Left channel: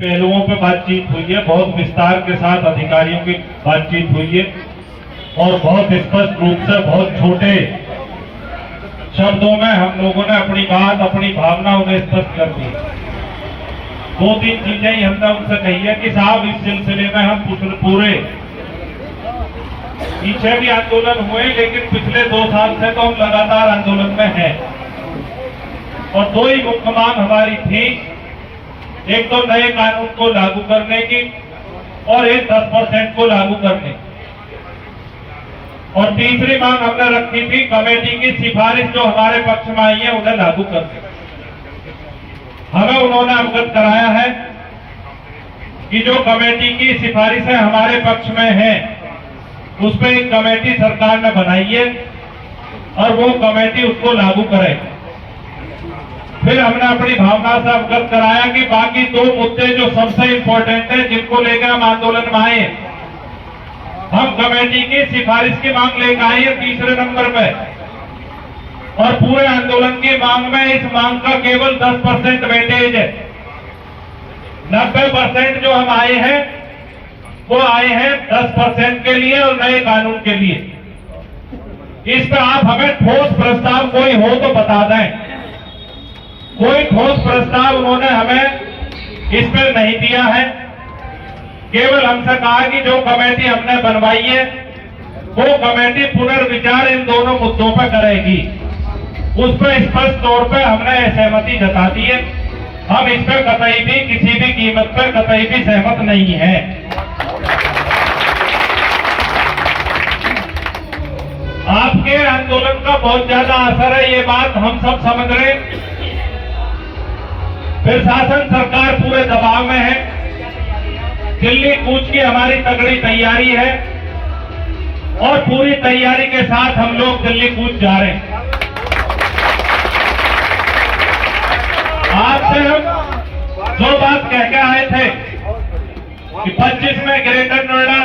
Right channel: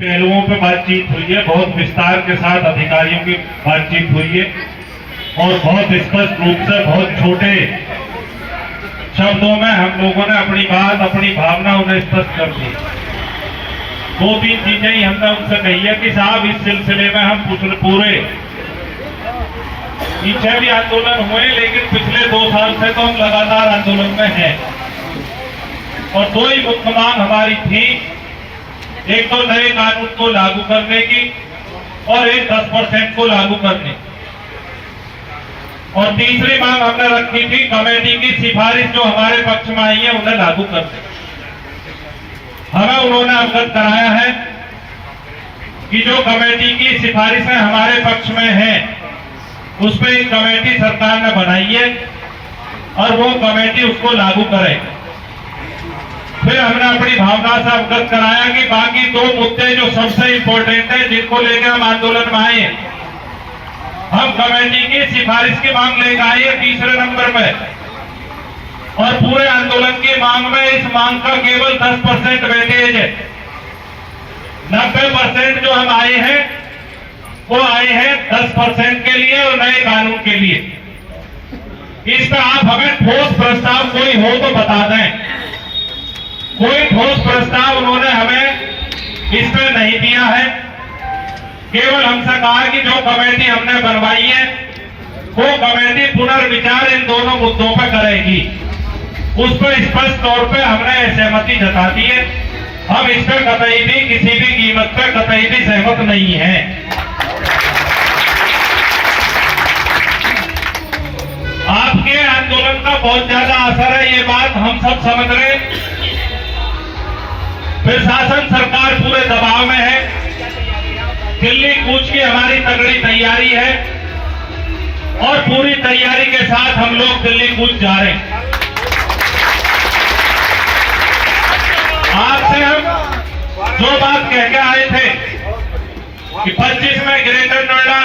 पहलुओं पर बातचीत हुई है, बहुत विस्तार के साथ अधिकारियों की बातचीत हुई है और बहुत स्पष्ट रूप से बहुत छोटे शब्दों में हम लोगों ने अपनी बात, अपनी भावना उन्हें स्पष्ट कर दी। दो तीन चीजें ही हमने उनसे कही है कि साहब इस सिलसिले में हम पूरे पीछे भी आंदोलन हुए, लेकिन पिछले 2 साल से तो हम लगातार आंदोलन में हैं और 2 ही मुख्य मांग हमारी थी। एक तो नए कानून को लागू करने की और एक 10% को लागू करने की, और तीसरी मांग हमने रखी थी कमेटी की सिफारिश जो हमारे पक्ष में आई है उन्हें लागू करने। हमें उन्होंने अवगत कराया है कि जो कमेटी की सिफारिशें हमारे पक्ष में है उसमें एक कमेटी सरकार ने बनाई है और वो कमेटी उसको लागू करेगी। फिर हमने अपनी भावना से अवगत कराया कि बाकी 2 मुद्दे जो सबसे इंपॉर्टेंट है, जिनको लेकर हम आंदोलन में आए, हम कमेटी की सिफारिश की मांग लेकर आए हैं 3रे नंबर पे, और पूरे आंदोलन की मांग में इस मांग का केवल 10% वेटेज है। 90% जो हम आए हैं वो आए हैं 10% के लिए और नए कानून के लिए। इस पर आप हमें ठोस प्रस्ताव कोई हो तो बता दें। कोई ठोस प्रस्ताव उन्होंने हमें इस पर नहीं दिया है। केवल हमसे कहा कि जो कमेटी हमने बनवाई है वो कमेटी पुनर्विचार इन दोनों मुद्दों पर करेगी। उस पर स्पष्ट तौर पर हमने सहमति जता दी है। हम इस पर कतई भी किसी भी कीमत पर कतई भी सहमत नहीं है। आपके आंदोलन का बहुत ज्यादा असर है, ये बात हम सब समझ रहे हैं। प्रशासन सरकार पूरे दबाव में है। दिल्ली कूच की हमारी तगड़ी तैयारी है और पूरी तैयारी के साथ हम लोग दिल्ली कूच जा रहे हैं। आपसे हम जो बात कह के आए थे कि 25 में ग्रेटर नोएडा,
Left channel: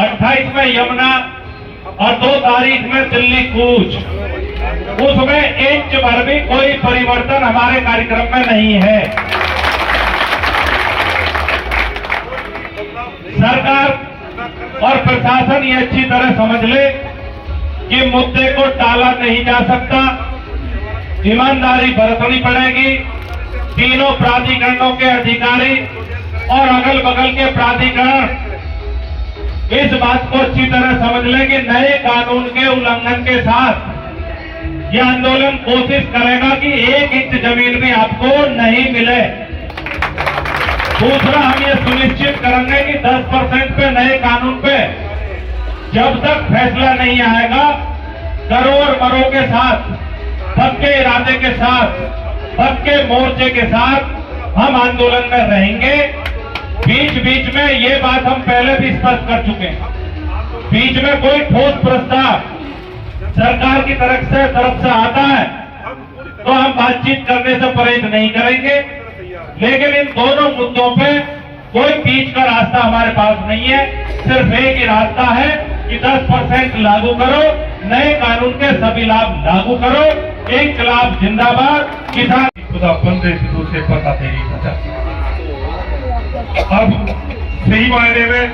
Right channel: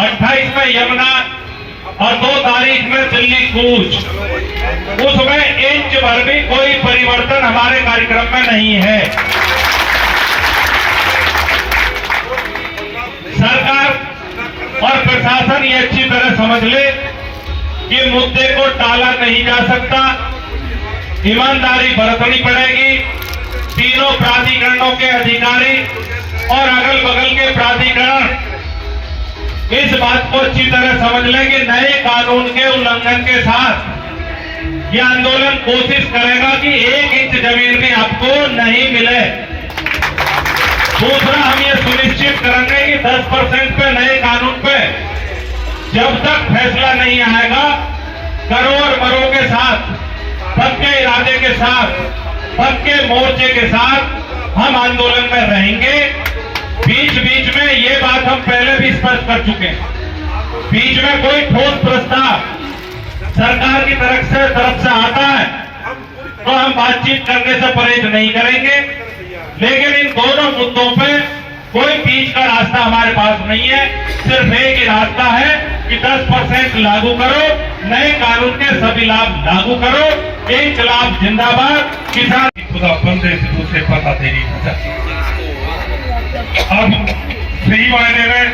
28 में यमुना और 2 तारीख में दिल्ली कूच, उसमें इंच भर भी कोई परिवर्तन हमारे कार्यक्रम में नहीं है। सरकार और प्रशासन ये अच्छी तरह समझ ले कि मुद्दे को टाला नहीं जा सकता। ईमानदारी बरतनी पड़ेगी। तीनों प्राधिकरणों के अधिकारी और अगल बगल के प्राधिकरण इस बात को अच्छी तरह समझ लें कि नए कानून के उल्लंघन के साथ यह आंदोलन कोशिश करेगा कि 1 इंच जमीन भी आपको नहीं मिले। दूसरा, हम ये सुनिश्चित करेंगे कि 10% पे नए कानून पे जब तक फैसला नहीं आएगा, करोड़ मरों के साथ, पक्के इरादे के साथ, पक्के मोर्चे के साथ हम आंदोलन में रहेंगे। बीच बीच में ये बात हम पहले भी स्पष्ट कर चुके हैं, बीच में कोई ठोस प्रस्ताव सरकार की तरफ से आता है तो हम बातचीत करने से परहेज नहीं करेंगे। लेकिन इन दोनों मुद्दों पे कोई बीच का रास्ता हमारे पास नहीं है। सिर्फ एक ही रास्ता है कि 10% लागू करो, नए कानून के सभी लाभ लागू करो। इंकलाब जिंदाबाद। किसान खुदा बंदे से दूसरे पता तेरी अब सही मायने में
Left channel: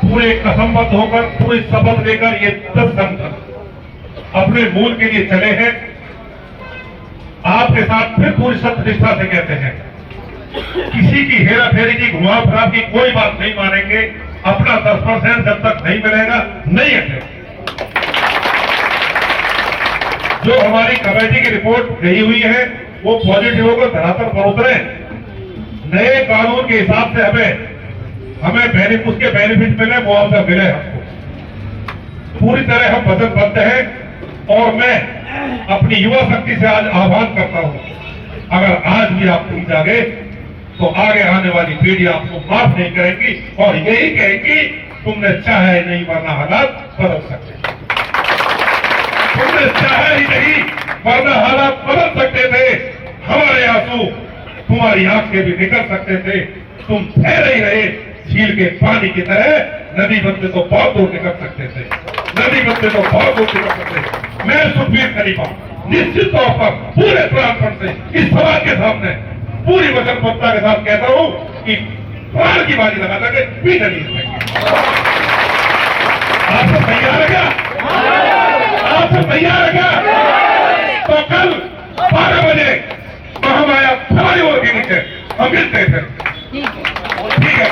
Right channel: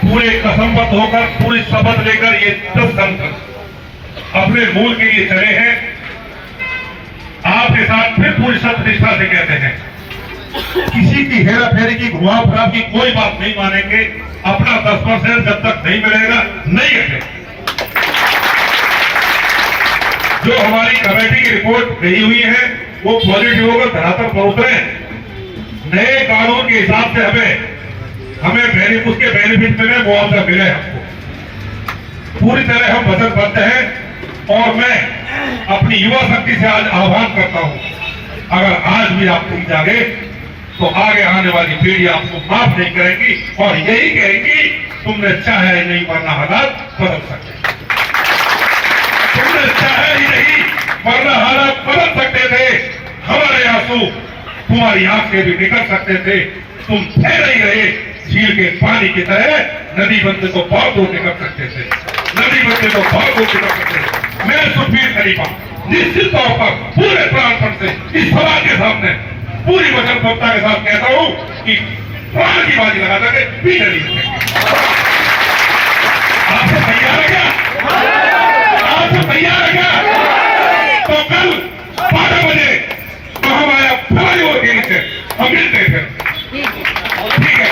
पूरे कसमबद्ध होकर, पूरी शपथ लेकर ये 10 संगठन अपने मूल के लिए चले हैं। आपके साथ फिर पूरी सत्यनिष्ठा से कहते हैं, किसी की हेरा फेरी की, घुमा फरा की कोई बात नहीं मानेंगे। अपना 10% जब तक नहीं मिलेगा नहीं हटे। जो हमारी कमेटी की रिपोर्ट गई हुई है वो पॉजिटिव होकर धरातल पर उतरे। नए कानून के हिसाब से हमें उसके बेनिफिट मिले, मुआवजा मिले। हमको पूरी तरह हम वचनबद्ध हैं और मैं अपनी युवा शक्ति से आज आह्वान करता हूं, अगर आज भी आप नहीं जागे तो आगे आने वाली पीढ़ी आपको माफ नहीं करेगी और यही कहेगी तुमने चाहे नहीं वरना हालात बदल सकते। तुमने चाहे ही नहीं वरना हालात बदल सकते थे। हमारे आंसू तुम्हारी आंख से भी निकल सकते थे। तुम ठहरे ही रहे झील के पानी की तरह। नदी बनते तो बहुत दूर निकल सकते थे, नदी बनते तो बहुत दूर निकल सकते थे। मैं सुखबीर खलीफा निश्चित तौर पर पूरे प्राणपण से इस सभा के सामने पूरी वचनबद्धता के साथ कहता हूं कि प्राण की बाजी लगा करके पीछे नहीं हटेंगे। आपसे तैयार है क्या? आपसे तैयार है क्या? तो कल 12 बजे महामाया फवारी होगी नीचे, हम मिलते हैं फिर। ठीक है।